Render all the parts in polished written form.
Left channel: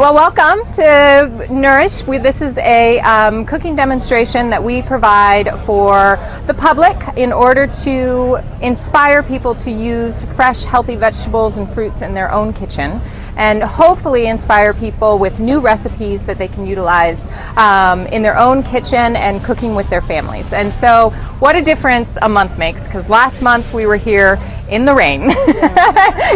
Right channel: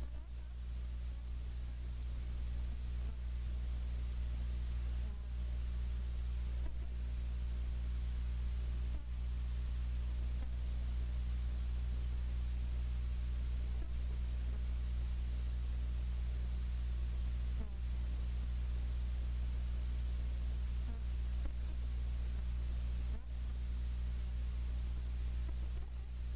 right, well, welcome to Nourish. This is a cooking demonstration that we provide for the public in order to inspire people to use fresh, healthy vegetables and fruits in their own kitchen, and hopefully inspire people with new recipes that they can utilize in their own kitchen and cooking with their families. And so what a difference a month makes, because last month we were here in the rain.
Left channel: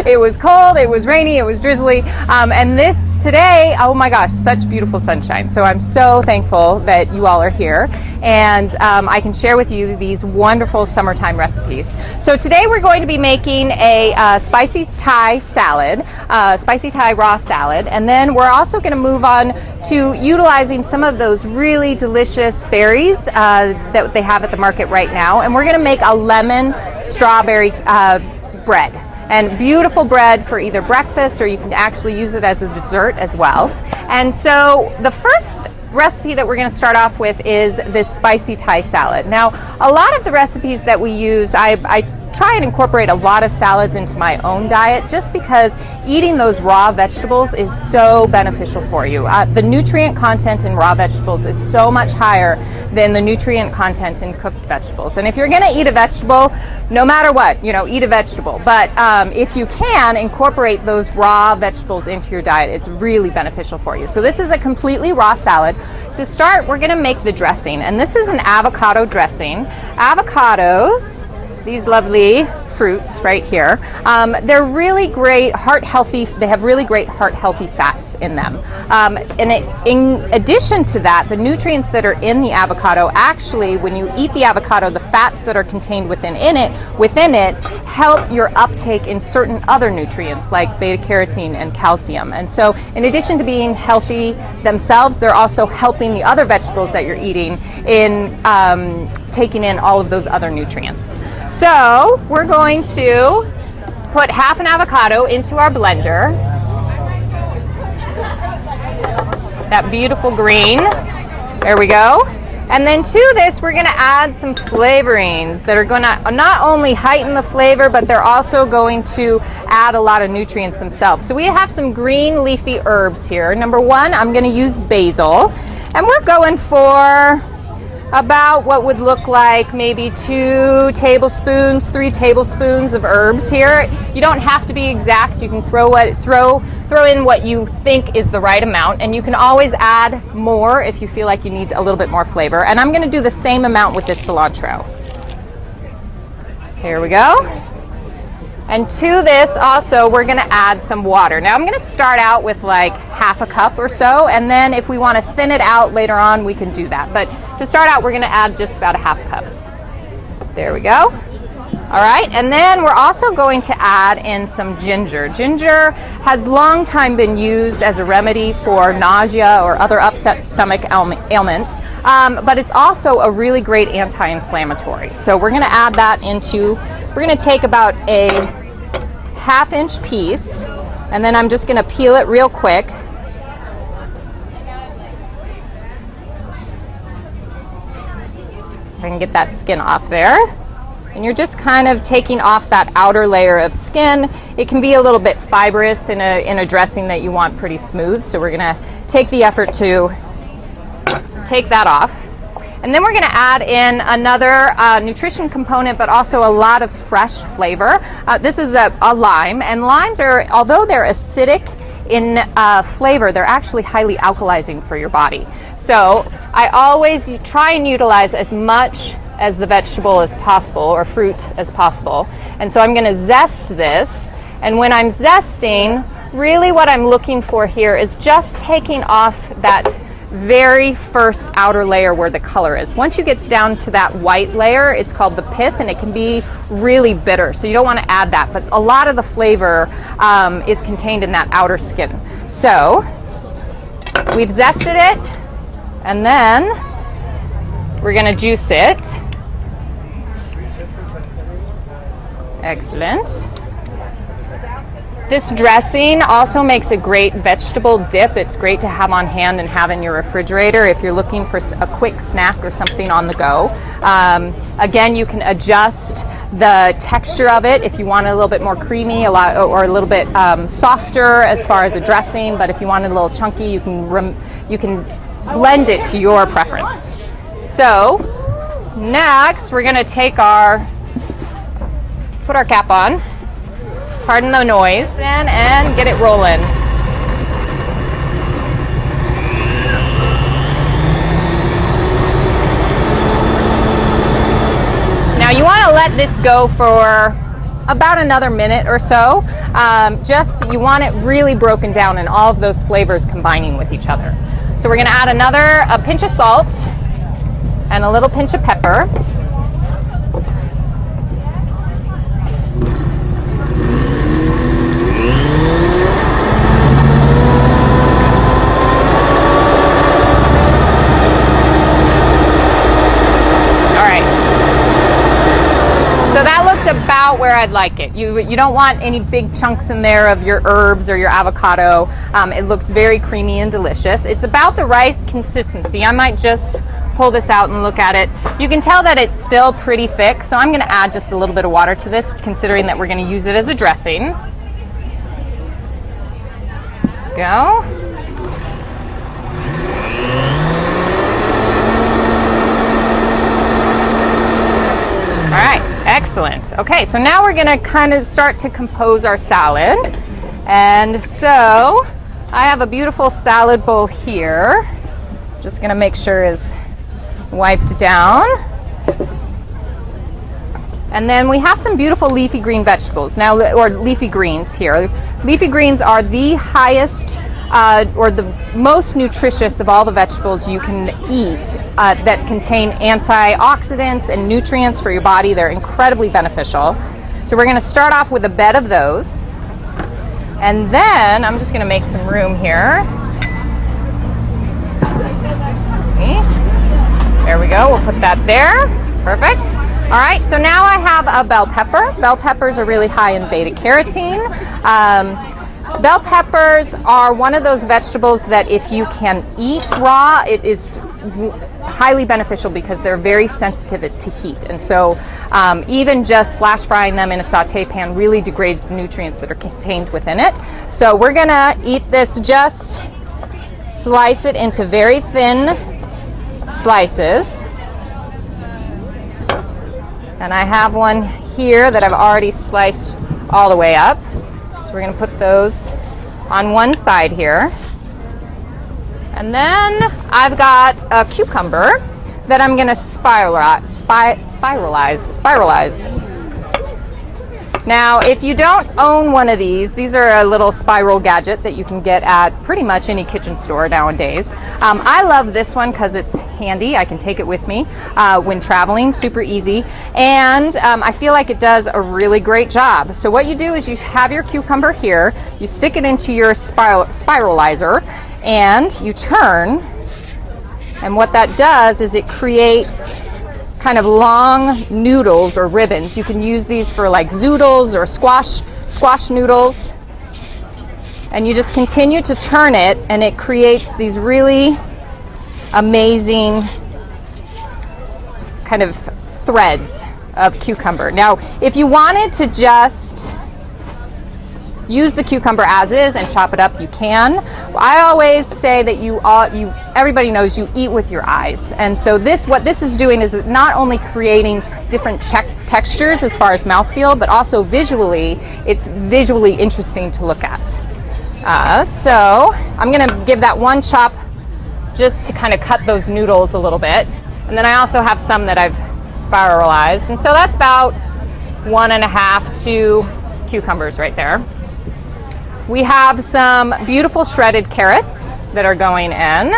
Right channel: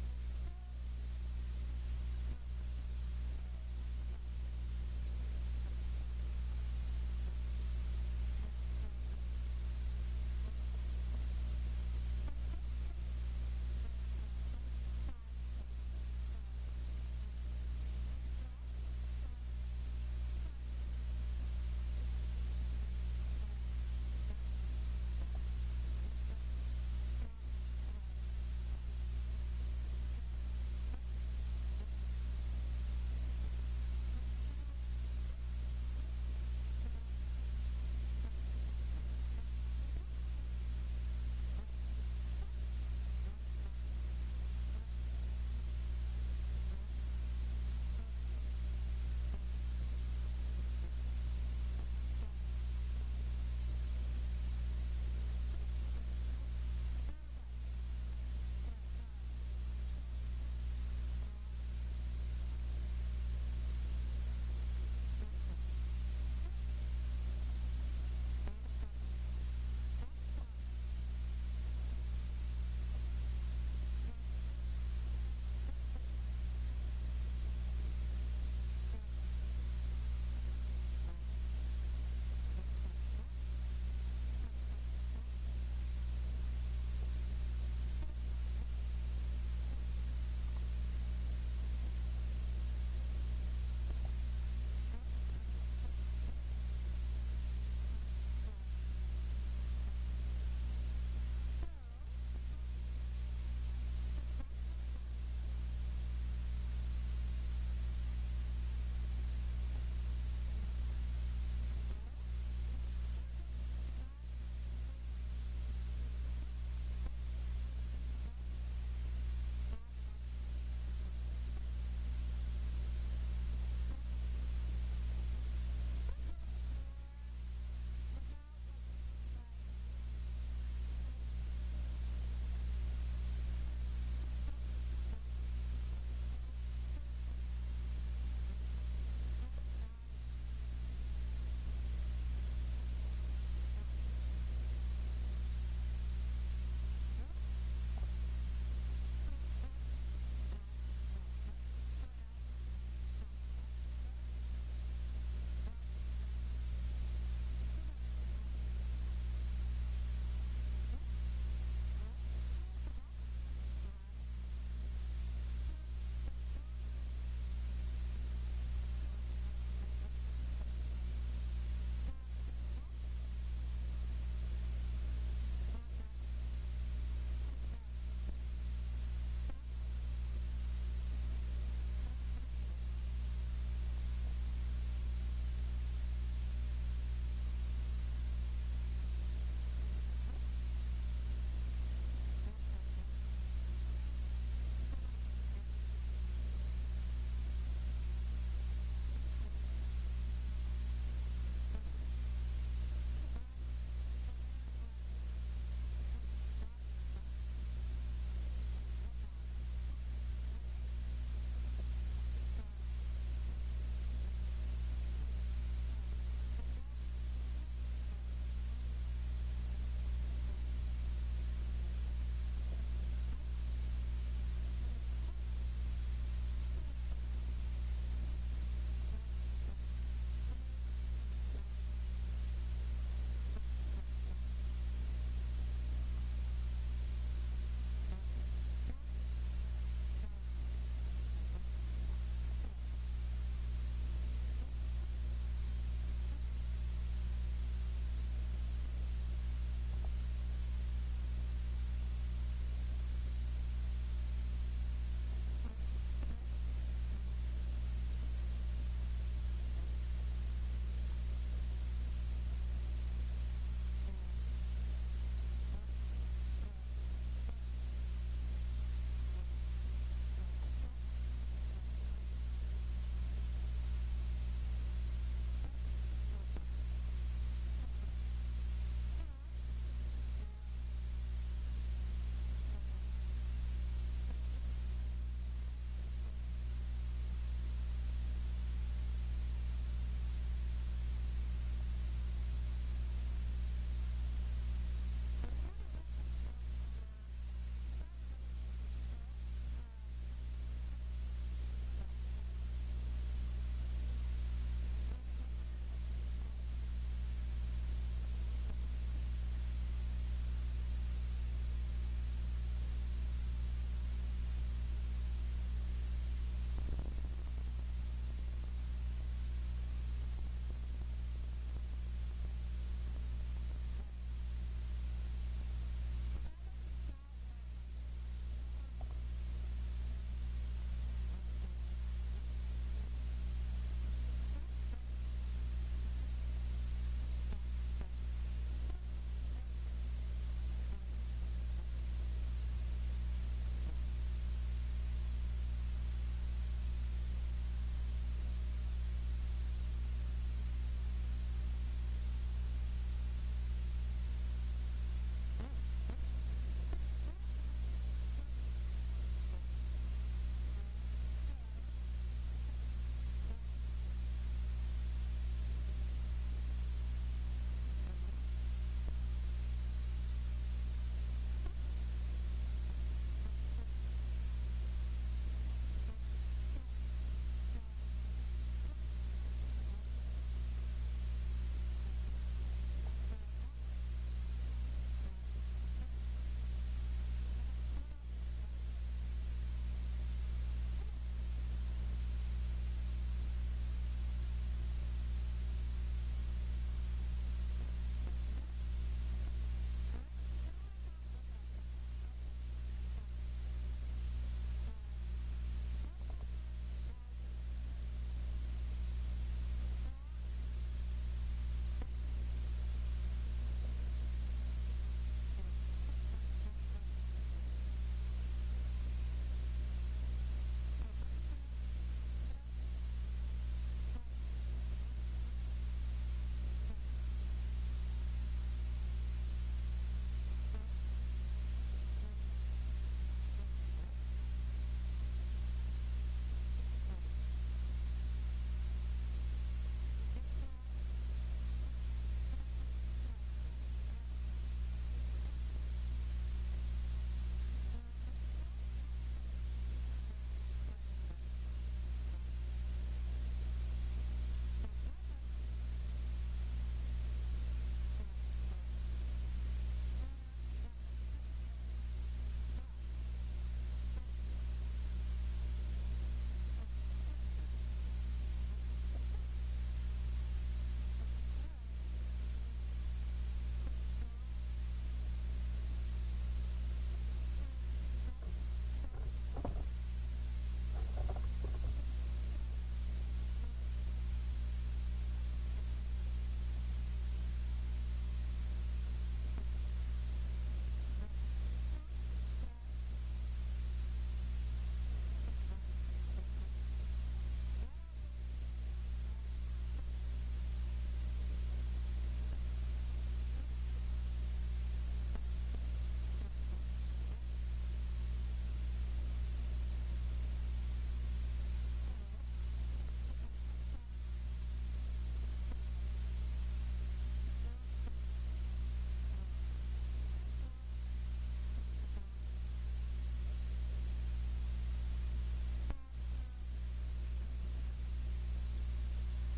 It was cold, it was rainy, it was drizzly, and this today, oh my gosh, such beautiful sunshine. So I'm so thankful that you all are here, and I can share with you these wonderful summertime recipes. So today we're going to be making a spicy Thai salad, spicy Thai raw salad, and then we're also going to move on to utilizing some of those really delicious berries that they have at the market right now, and we're going to make a lemon strawberry bread. And beautiful bread for either breakfast, or you can actually use it as a dessert as well. And so the first recipe that we're going to start off with is this spicy Thai salad. Now, a lot of the recipes that we use, I try and incorporate a lot of salads into my own diet, just because eating those raw vegetables is so beneficial for you. The nutrient content in raw vegetables is so much higher than the nutrient content in cooked vegetables. And if you're going to eat a vegetable, no matter what, eat a vegetable. But if you can incorporate those raw vegetables into your diet, it's really beneficial for you. So this is a completely raw salad. To start, we're going to make the dressing, and this is an avocado dressing. Avocados, these lovely fruits right here, they're really great heart healthy. They have really great heart healthy fats in them. In addition to that, the nutrients that are in the avocado, actually, when you eat the avocado, the fats that are contained within it help your uptake in certain other nutrients like beta carotene and calcium. And so, in addition to being healthy themselves, they're also helping the other vegetables that you're eating in taking in all of those other nutrients. So we're going to put half an avocado into our blender. That beautiful green. There we go. And then to this, we're going to add some flavorings that are going to not only heighten the flavor, but they're also going to add a lot of nutrients themselves. So we have some green leafy herbs here. Number one, I'm going to use basil. And we're going for about what would look like maybe 2 tablespoons, 3 tablespoons of herbs here. You don't have to be exact. You can throw in what you think is the right amount, and you can always add more if you feel like you need a little bit more flavor. And I'm going to do the same amount with this cilantro. Here we go. And to this also, we're going to add some water. Now I'm going to start out with like half a cup or so, and then if we want to thin it out later on, we can do that. But to start out, we're going to add just about a half cup. There we go. All right, and then we're also going to add in some ginger. Ginger has long time been used as a remedy for nausea or other upset stomach ailments, but it's also a really great anti-inflammatory. So we're going to add that into, we're going to take about a half-inch piece, and then I'm just going to peel it real quick. I can get that skin off there. And you're just kind of taking off that outer layer of skin. It can be a little bit fibrous in a dressing that you want pretty smooth. So we're gonna take the effort to take that off. And then we're gonna add in another nutrition component, but also a lot of fresh flavor. This is a lime, and limes are, although they're acidic in flavor, they're actually highly alkalizing for your body. So I always try and utilize as much as the vegetable as possible, or fruit as possible. And so I'm going to zest this, and when I'm zesting, really what I'm looking for here is just taking off that very first outer layer where the color is. Once you get down to that white layer, it's called the pith, and it can be really bitter, so you don't want to add that, but a lot of the flavor is contained in that outer skin. So we've zested it, and then we're going to juice it. Excellent. This dressing also makes a great vegetable dip. It's great to have on hand and have in your refrigerator if you're looking for a quick snack or something on the go. Again, you can adjust the texture of it. If you want it a little bit more creamy, or a little bit softer as far as a dressing, but if you want it a little chunky, you can blend it to your preference. So next, we're going to take put our cap on, pardon the noise, and get it rolling. Now you want to let this go for about another minute or so. You want it really broken down and all of those flavors combining with each other. So we're going to add a pinch of salt and a little pinch of pepper. About where I'd like it. You don't want any big chunks in there of your herbs or your avocado. It looks very creamy and delicious. It's about the right consistency. I might just pull this out and look at it. You can tell that it's still pretty thick, so I'm going to add just a little bit of water to this, considering that we're going to use it as a dressing. Go. All right. Excellent. Okay, so now we're going to kind of start to compose our salad. And so I have a beautiful salad bowl here. Just going to make sure is wiped down. And then we have some beautiful leafy green vegetables now, or leafy greens here. Leafy greens are the highest or the most nutritious of all the vegetables you can eat that contain antioxidants and nutrients for your body. They're incredibly beneficial. So we're going to start off with a bed of those. And then I'm just going to make some room here. Okay. There we go. We'll put that there. Perfect. All right. So now I have a bell pepper. Bell peppers are really high in beta carotene. Bell peppers are one of those vegetables that if you can eat raw, it is highly beneficial because they're very sensitive to heat. And so even just flash frying them in a saute pan really degrades the nutrients that are contained within it. So we're going to eat this, just slice it into very thin slices. And I have one here that I've already sliced all the way up. So we're going to put those on one side here. And then I've got a cucumber that I'm going to spiralize. Now, if you don't own one of these are a little spiral gadget that you can get at pretty much any kitchen store nowadays. I love this one because it's handy. I can take it with me when traveling, super easy. And I feel like it does a really great job. So what you do is you have your cucumber here, you stick it into your spiralizer, and you turn. And what that does is it creates kind of long noodles or ribbons. You can use these for like zoodles or squash noodles. And you just continue to turn it, and it creates these really amazing kind of threads of cucumber. Now, if you wanted to just use the cucumber as is and chop it up, you can. I always say that everybody knows you eat with your eyes. And so what this is doing is not only creating different textures as far as mouthfeel, but also visually, it's visually interesting to look at. So I'm going to give that one chop just to kind of cut those noodles a little bit. And then I also have some that I've spiralized. And so that's about 1.5 2 cucumbers right there. We have some beautiful shredded carrots that are going in.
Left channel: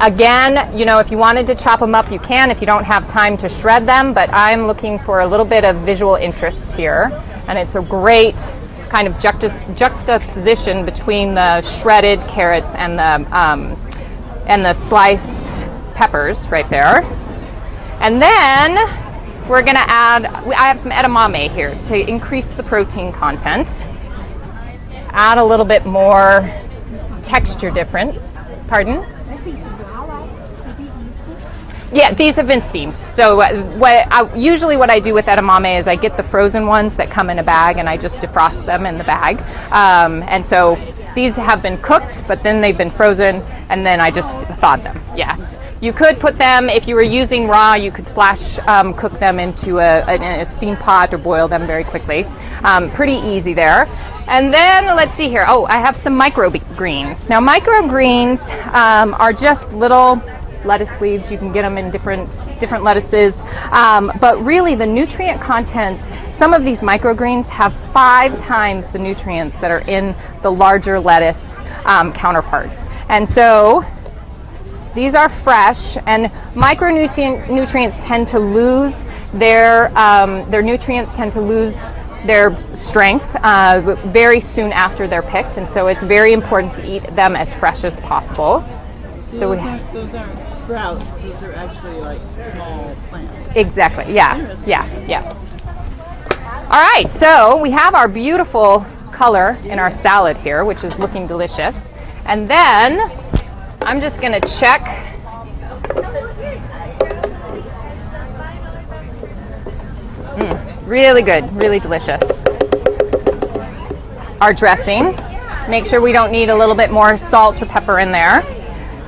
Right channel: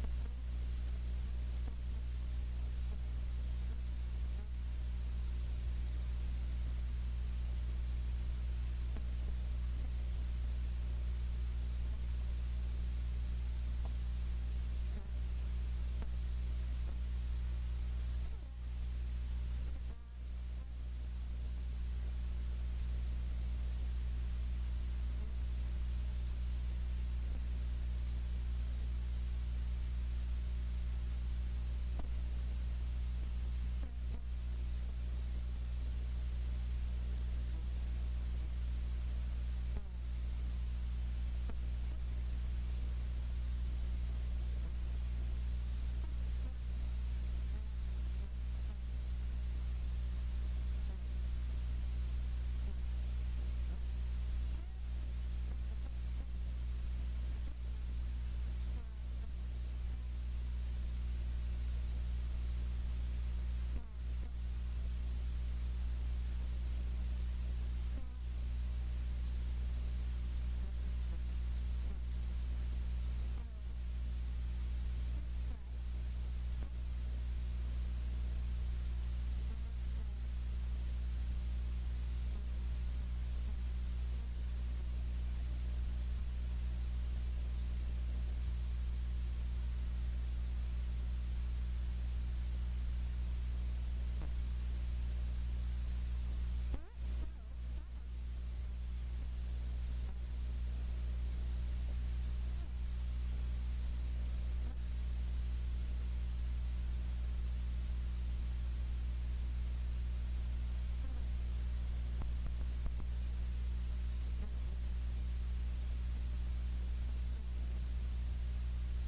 Again, if you wanted to chop them up, you can if you don't have time to shred them, but I'm looking for a little bit of visual interest here. And it's a great kind of juxtaposition between the shredded carrots and the sliced peppers right there. And then we're going to add, I have some edamame here to increase the protein content. Add a little bit more texture difference. Pardon? Yeah, these have been steamed. So usually what I do with edamame is I get the frozen ones that come in a bag and I just defrost them in the bag. And so these have been cooked, but then they've been frozen and then I just thawed them, yes. You could put them, if you were using raw, you could flash cook them into a steam pot or boil them very quickly. Pretty easy there. And then let's see here. Oh, I have some microgreens. Now microgreens are just little lettuce leaves. You can get them in different lettuces. But really the nutrient content, some of these microgreens have 5 times the nutrients that are in the larger lettuce counterparts. And so these are fresh, and micronutrients tend to lose their nutrients tend to lose their strength very soon after they're picked, and so it's very important to eat them as fresh as possible. So those aren't sprouts; those are actually like small plants. Exactly. Yeah. All right. So we have our beautiful color in our salad here, which is looking delicious, and then I'm just going to check. Really good, really delicious. Our dressing. Make sure we don't need a little bit more salt or pepper in there.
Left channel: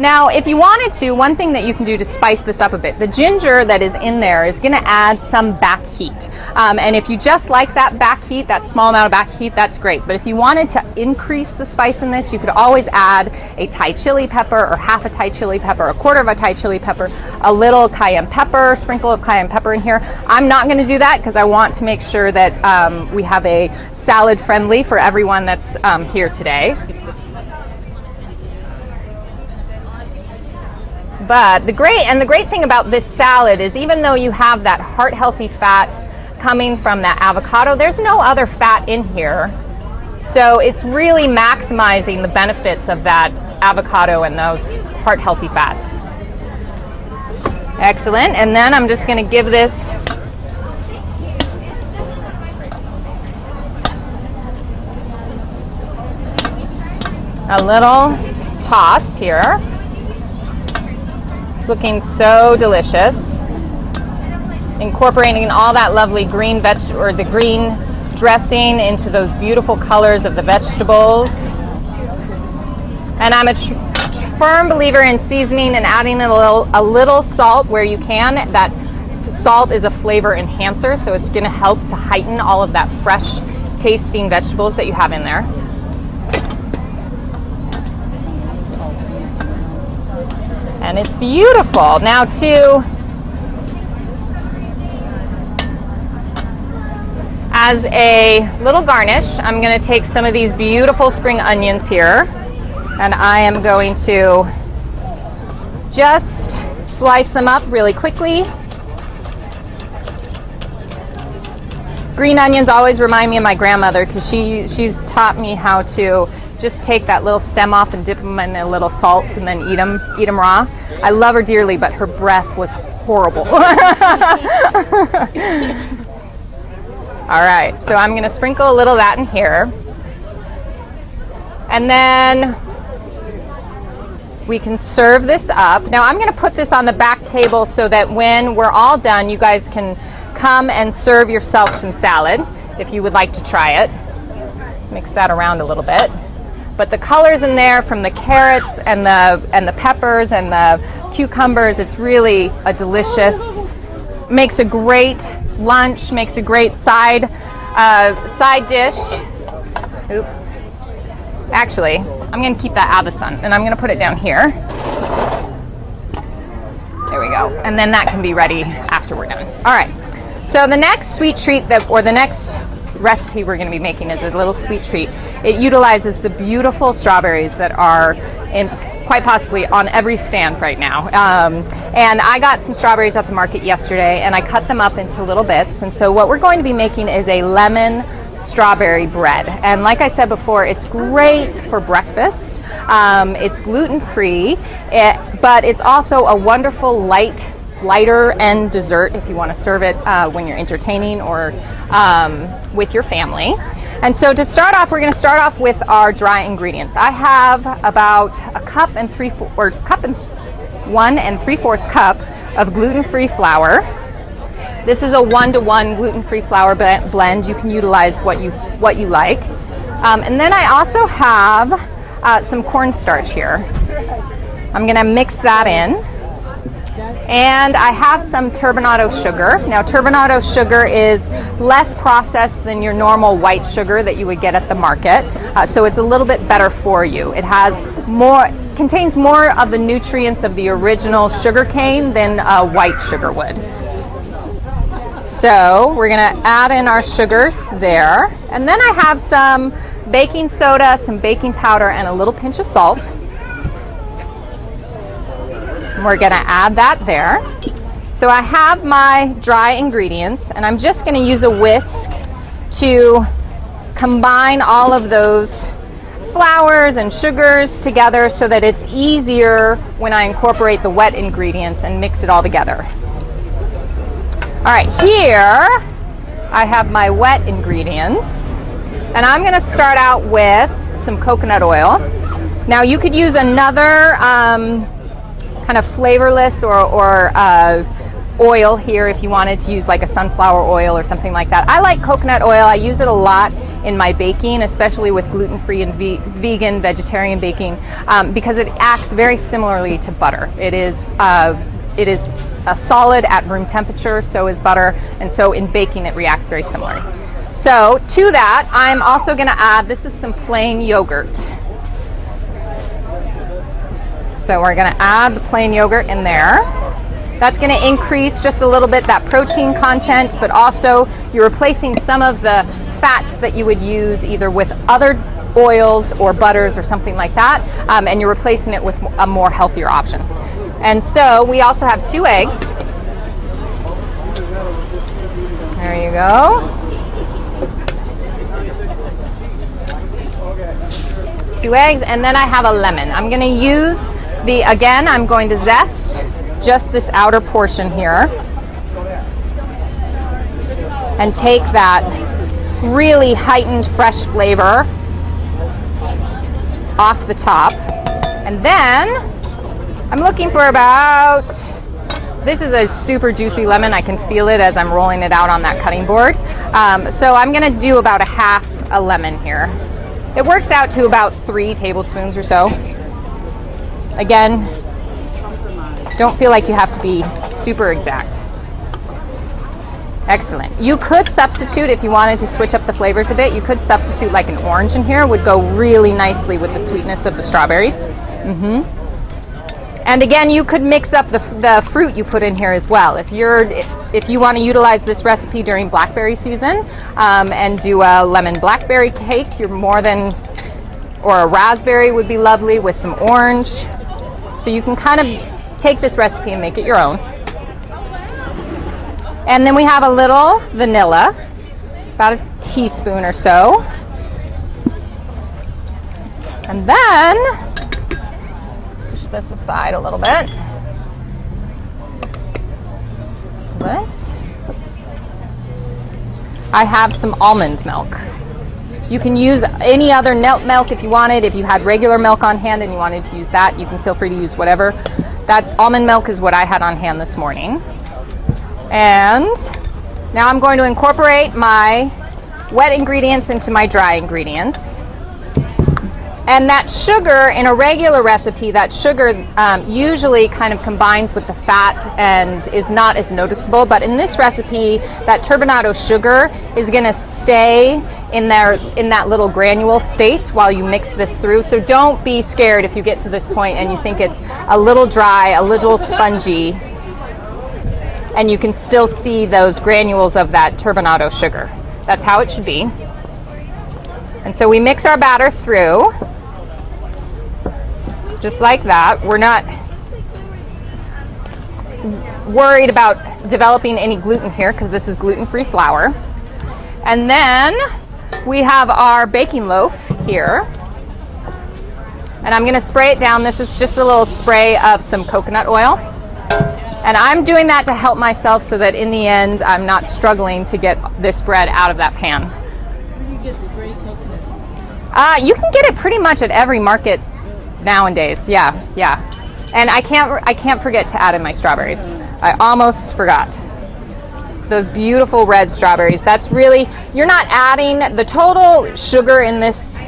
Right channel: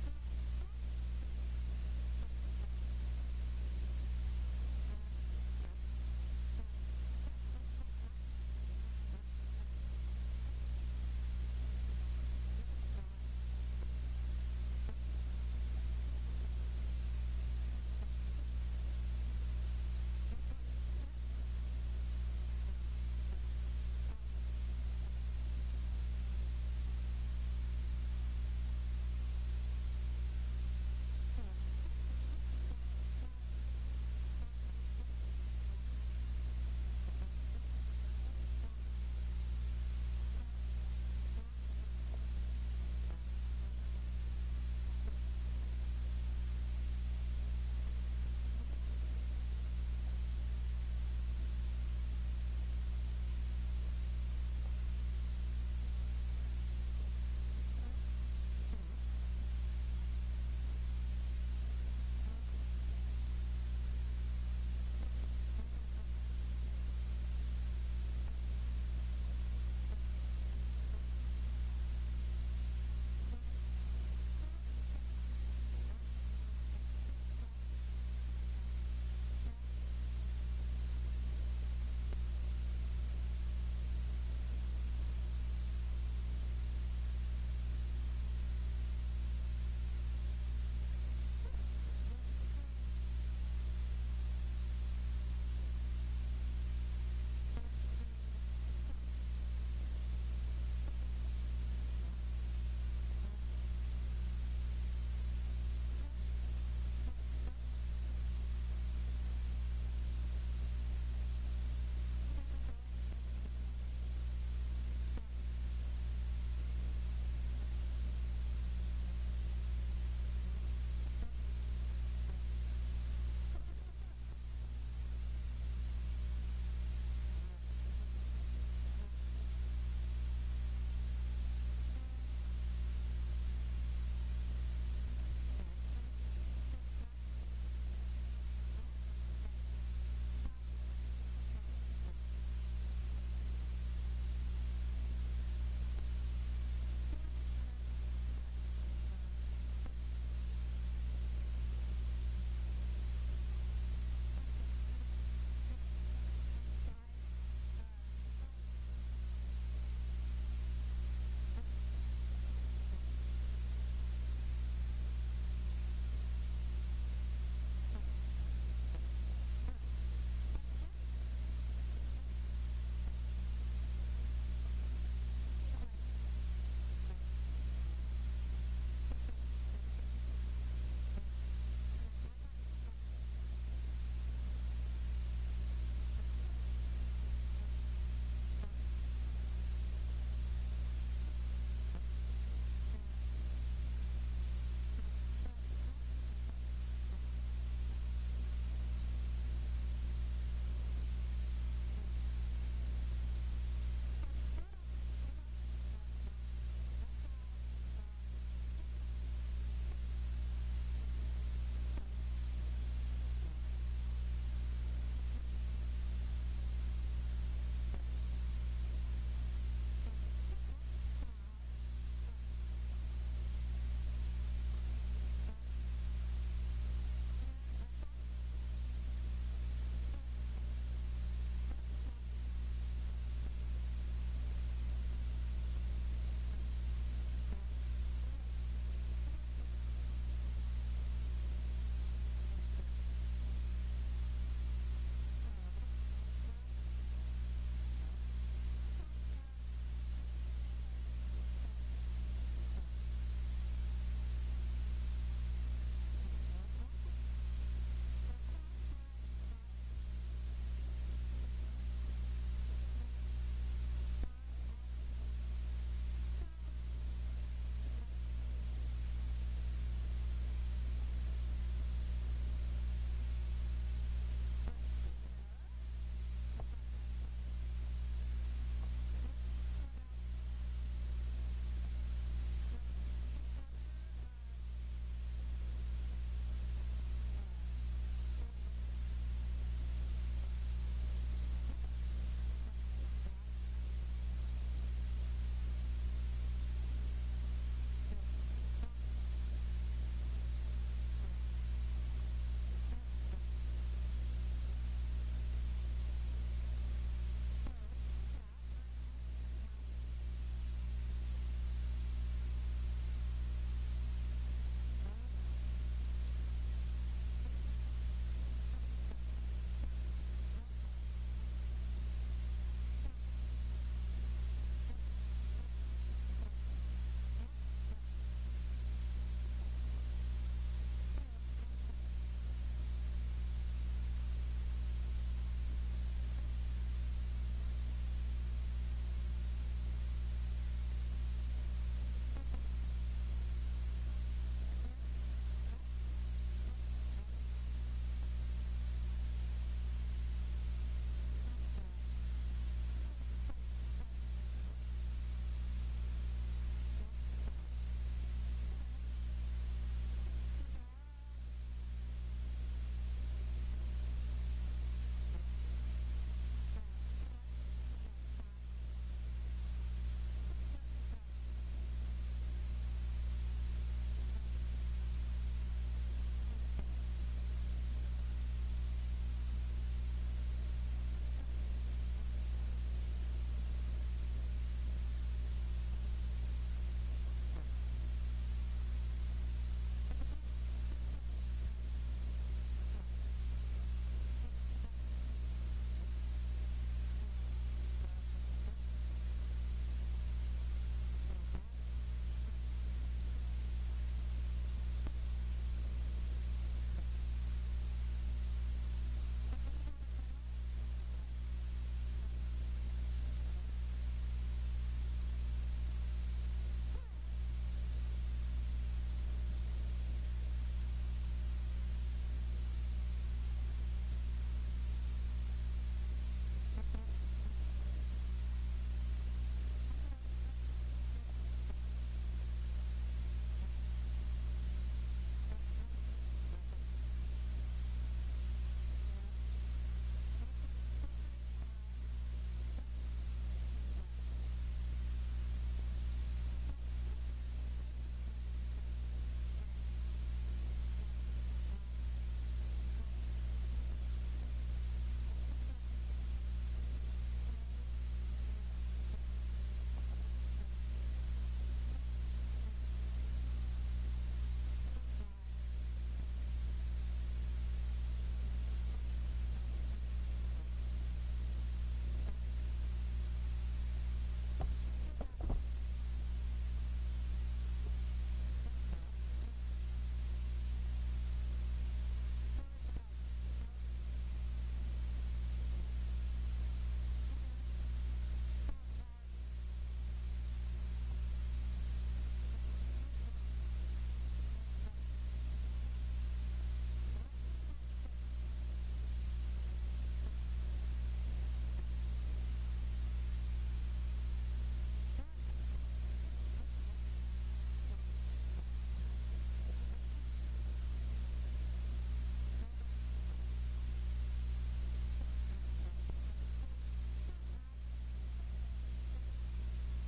Now, if you wanted to, one thing that you can do to spice this up a bit, the ginger that is in there is going to add some back heat. And if you just like that back heat, that small amount of back heat, that's great. But if you wanted to increase the spice in this, you could always add a Thai chili pepper or half a Thai chili pepper, a quarter of a Thai chili pepper, a little cayenne pepper, sprinkle of cayenne pepper in here. I'm not going to do that because I want to make sure that we have a salad friendly for everyone that's here today. But the great thing about this salad is even though you have that heart-healthy fat coming from that avocado, there's no other fat in here. So it's really maximizing the benefits of that avocado and those heart-healthy fats. Excellent. And then I'm just going to give this a little toss here. It's looking so delicious. Incorporating all that lovely green the green dressing into those beautiful colors of the vegetables. And I'm a firm believer in seasoning and adding a little salt where you can. That salt is a flavor enhancer, so it's going to help to heighten all of that fresh tasting vegetables that you have in there. And it's beautiful. Now as a little garnish, I'm going to take some of these beautiful spring onions here, and I am going to just slice them up really quickly. Green onions always remind me of my grandmother because she's taught me how to just take that little stem off and dip them in a little salt and then eat them raw. I love her dearly, but her breath was horrible. All right, so I'm going to sprinkle a little of that in here. And then we can serve this up. Now I'm going to put this on the back table so that when we're all done, you guys can come and serve yourself some salad if you would like to try it. Mix that around a little bit. But the colors in there from the carrots and the peppers and the cucumbers, it's really a delicious, makes a great lunch, makes a great side dish. Oop. Actually, I'm going to keep that out of the sun and I'm going to put it down here. There we go. And then that can be ready after we're done. All right. So the next sweet treat the next recipe we're going to be making is a little sweet treat. It utilizes the beautiful strawberries that are in quite possibly on every stand right now. And I got some strawberries at the market yesterday and I cut them up into little bits. And so what we're going to be making is a lemon strawberry bread. And like I said before, it's great for breakfast. It's gluten-free, but it's also a wonderful lighter end dessert if you want to serve it when you're entertaining or with your family. And so to start off, we're going to start off with our dry ingredients. I have about a cup and 1 3/4 cup of gluten-free flour. This is a 1-to-1 gluten-free flour blend. You can utilize what you like. And then I also have some cornstarch here. I'm going to mix that in. And I have some turbinado sugar. Now, turbinado sugar is less processed than your normal white sugar that you would get at the market, so it's a little bit better for you. It contains more of the nutrients of the original sugar cane than white sugar would. So we're going to add in our sugar there, and then I have some baking soda, some baking powder, and a little pinch of salt. We're going to add that there. So I have my dry ingredients, and I'm just going to use a whisk to combine all of those flours and sugars together so that it's easier when I incorporate the wet ingredients and mix it all together. All right, here I have my wet ingredients, and I'm going to start out with some coconut oil. Now, you could use another kind of flavorless or oil here if you wanted to use like a sunflower oil or something like that. I like coconut oil. I use it a lot in my baking, especially with gluten-free and vegan, vegetarian baking, because it acts very similarly to butter. It is a solid at room temperature, so is butter, and so in baking it reacts very similarly. So to that, I'm also going to add, this is some plain yogurt. So we're going to add the plain yogurt in there. That's going to increase just a little bit that protein content, but also you're replacing some of the fats that you would use either with other oils or butters or something like that, and you're replacing it with a more healthier option. And so we also have 2 eggs. There you go. 2 eggs, and then I have a lemon. I'm going to use I'm going to zest just this outer portion here and take that really heightened fresh flavor off the top. And then I'm looking for this is a super juicy lemon. I can feel it as I'm rolling it out on that cutting board. So I'm going to do about a half a lemon here. It works out to about 3 tablespoons or so. Again, don't feel like you have to be super exact. Excellent. You could substitute, if you wanted to switch up the flavors a bit, you could substitute like an orange in here. Would go really nicely with the sweetness of the strawberries. And again, you could mix up the fruit you put in here as well. If you want to utilize this recipe during blackberry season and do a lemon blackberry cake, or a raspberry would be lovely with some orange. So you can kind of take this recipe and make it your own. And then we have a little vanilla, about a teaspoon or so. And then, push this aside a little bit. Excellent. I have some almond milk. You can use any other milk if you wanted. If you had regular milk on hand and you wanted to use that, you can feel free to use whatever. That almond milk is what I had on hand this morning. And now I'm going to incorporate my wet ingredients into my dry ingredients. And that sugar, in a regular recipe, that sugar usually kind of combines with the fat and is not as noticeable. But in this recipe, that turbinado sugar is going to stay in that little granule state while you mix this through. So don't be scared if you get to this point and you think it's a little dry, a little spongy, and you can still see those granules of that turbinado sugar. That's how it should be. And so we mix our batter through, just like that. We're not worried about developing any gluten here because this is gluten-free flour. And then we have our baking loaf here. And I'm going to spray it down. This is just a little spray of some coconut oil. And I'm doing that to help myself so that in the end I'm not struggling to get this bread out of that pan. Where do you get spray coconut? You can get it pretty much at every market nowadays. Yeah. And I can't forget to add in my strawberries. I almost forgot. Those beautiful red strawberries. That's really, you're not adding, the total sugar in this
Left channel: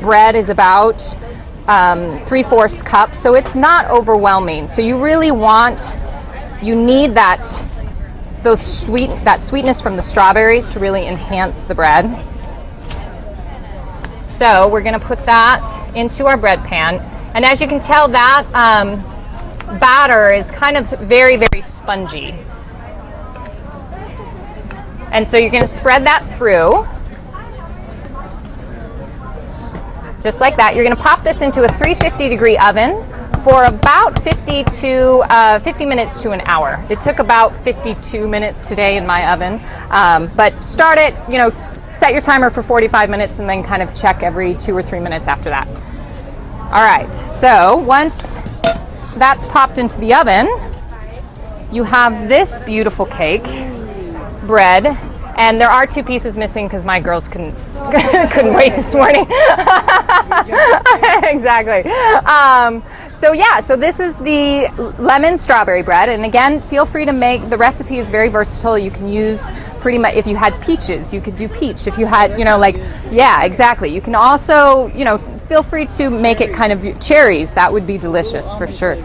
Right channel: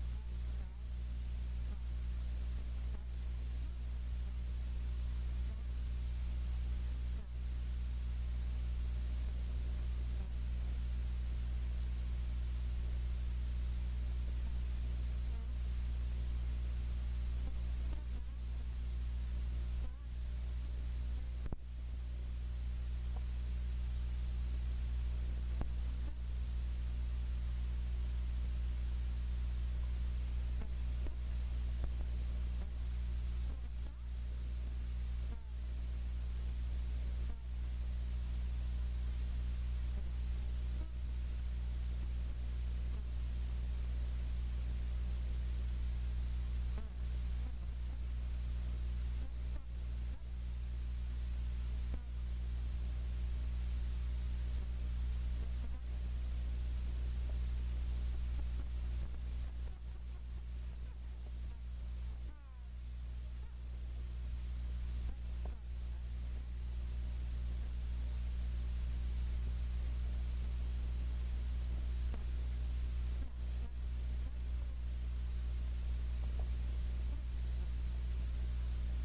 bread is about 3/4 cup, so it's not overwhelming. So you really need that sweetness from the strawberries to really enhance the bread. So we're going to put that into our bread pan, and as you can tell, that batter is kind of very, very spongy. And so you're going to spread that through, just like that. You're going to pop this into a 350-degree oven for about 50 minutes to an hour. It took about 52 minutes today in my oven, but start it, set your timer for 45 minutes and then kind of check every 2 or 3 minutes after that. All right, so once that's popped into the oven, you have this beautiful cake bread, and there are 2 pieces missing because my girls couldn't wait this morning. Exactly. So this is the lemon strawberry bread, and again, feel free to make, the recipe is very versatile. You can use pretty much, if you had peaches, you could do peach. If you had, yeah, exactly. You can also, feel free to make it kind of cherries. That would be delicious for sure.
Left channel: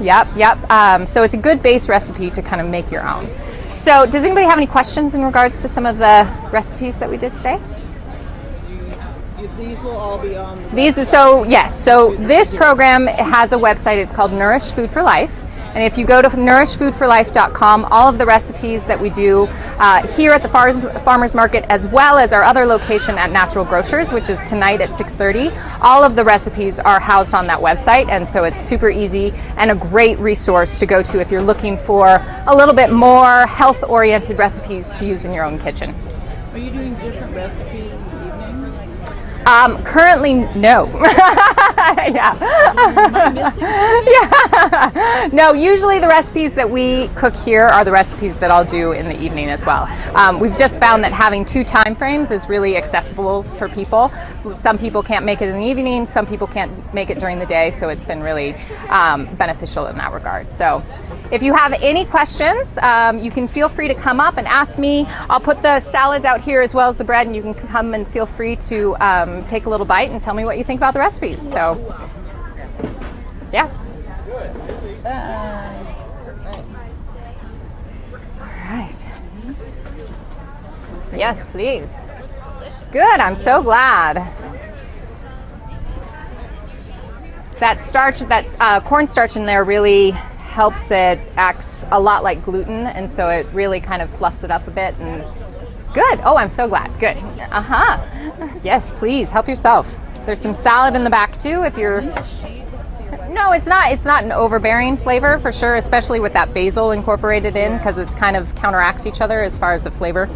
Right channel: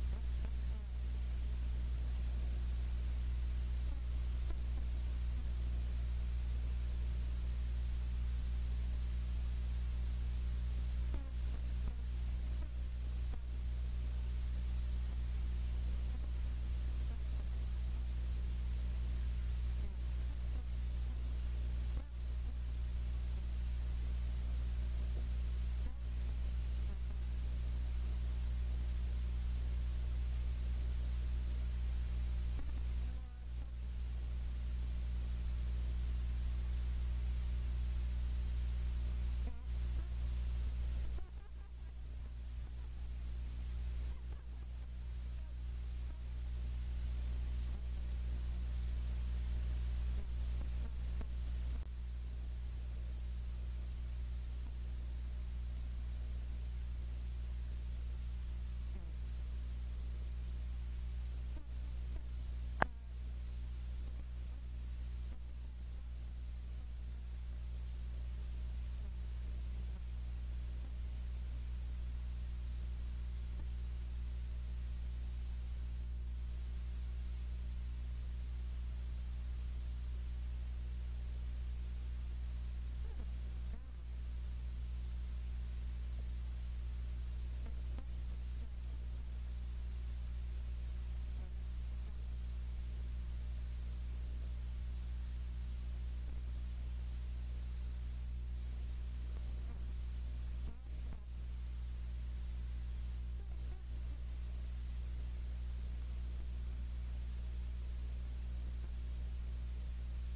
Yep. So it's a good base recipe to kind of make your own. So does anybody have any questions in regards to some of the recipes that we did today? These will all be on the Yes. So this program has a website. It's called Nourish Food for Life. And if you go to nourishfoodforlife.com, all of the recipes that we do here at the Farmers Market, as well as our other location at Natural Grocers, which is tonight at 6:30, all of the recipes are housed on that website. And so it's super easy and a great resource to go to if you're looking for a little bit more health-oriented recipes to use in your own kitchen. Are you doing different recipes in the evening? Currently, no. Yeah. Am I missing? Yeah. No, usually the recipes that we cook here are the recipes that I'll do in the evening as well. We've just found that having 2 time frames is really accessible for people. Some people can't make it in the evening, some people can't make it during the day, so it's been really beneficial in that regard. So if you have any questions, you can feel free to come up and ask me. I'll put the salads out here as well as the bread, and you can come and feel free to take a little bite and tell me what you think about the recipes. So, yeah. All right. Yes, please. Good, I'm so glad. That starch, that cornstarch in there really helps it, acts a lot like gluten, and so it really kind of fluffs it up a bit. And good. Oh, I'm so glad. Good. Yes, please help yourself. There's some salad in the back too if you're. No, it's not an overbearing flavor for sure, especially with that basil incorporated in, because it's kind of counteracts each other as far as the flavor.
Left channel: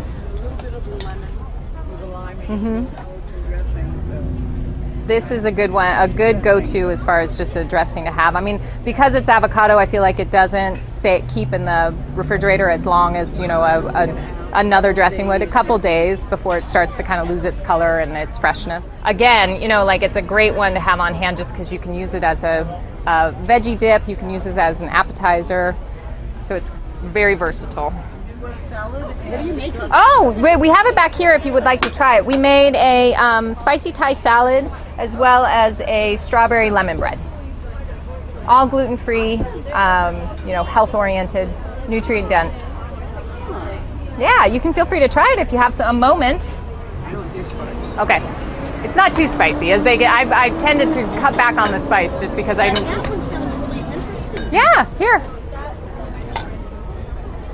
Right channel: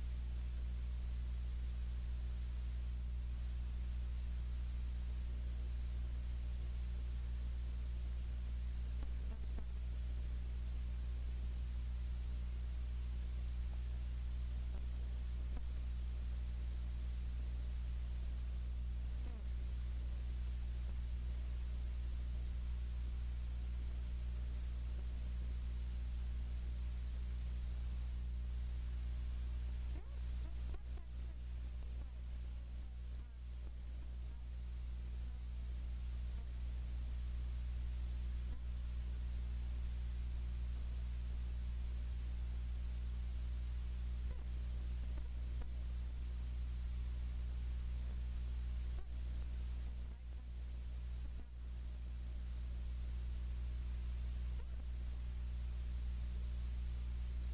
This is a good one, a good go-to as far as just a dressing to have. I mean, because it's avocado, I feel like it doesn't keep in the refrigerator as long as, another dressing would, a couple days before it starts to kind of lose its color and its freshness. Again, it's a great one to have on hand just because you can use it as a veggie dip, you can use it as an appetizer, so it's very versatile. What are you making? Oh, we have it back here if you would like to try it. We made a spicy Thai salad as well as a strawberry lemon bread. All gluten-free, health-oriented, nutrient-dense. Yeah, you can feel free to try it if you have a moment. Okay. It's not too spicy. As they get, I've tended to cut back on the spice just because I. That one sounds really interesting. Yeah, here.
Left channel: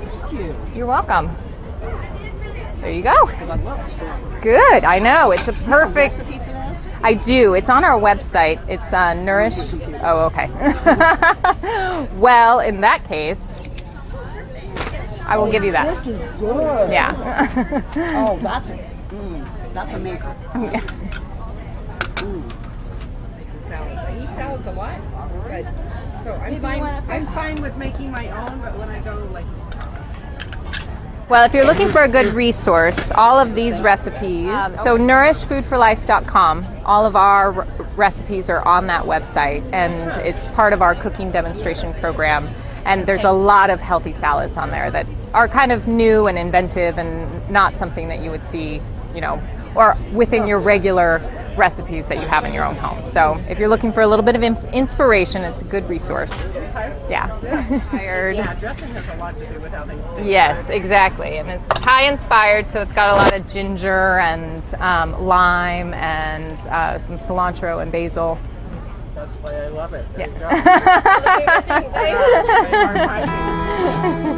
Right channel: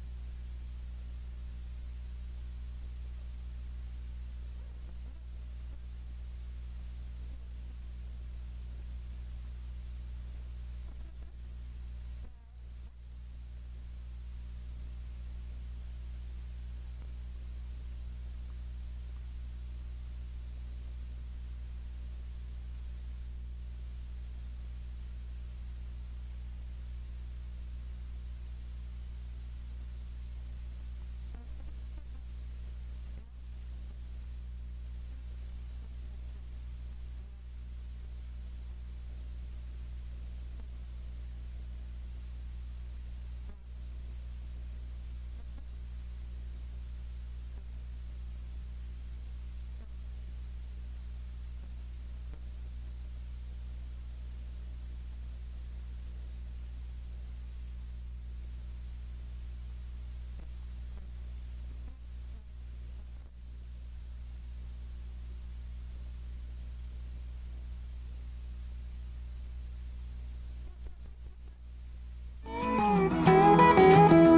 Thank you. You're welcome. There you go. Because I love strawberry. Good. I know. It's a perfect. Recipe for that? I do. It's on our website. It's Nourish. Oh, okay. Well, in that case, I will give you that. This is good. Yeah. Oh, that's a maker. Salads. I eat salads a lot, but so I'm fine with making my own. But when I go Well, if you're looking for a good resource, all of these recipes, so nourishfoodforlife.com, all of our recipes are on that website, and it's part of our cooking demonstration program. And there's a lot of healthy salads on there that are kind of new and inventive and not something that you would see, or within your regular recipes that you have in your own home. So if you're looking for a little bit of inspiration, it's a good resource. Yeah. Yeah, dressing has a lot to do with how things taste. Yes, exactly. And it's Thai inspired, so it's got a lot of ginger and lime and some cilantro and basil. That's why I love it. There Yeah. you go.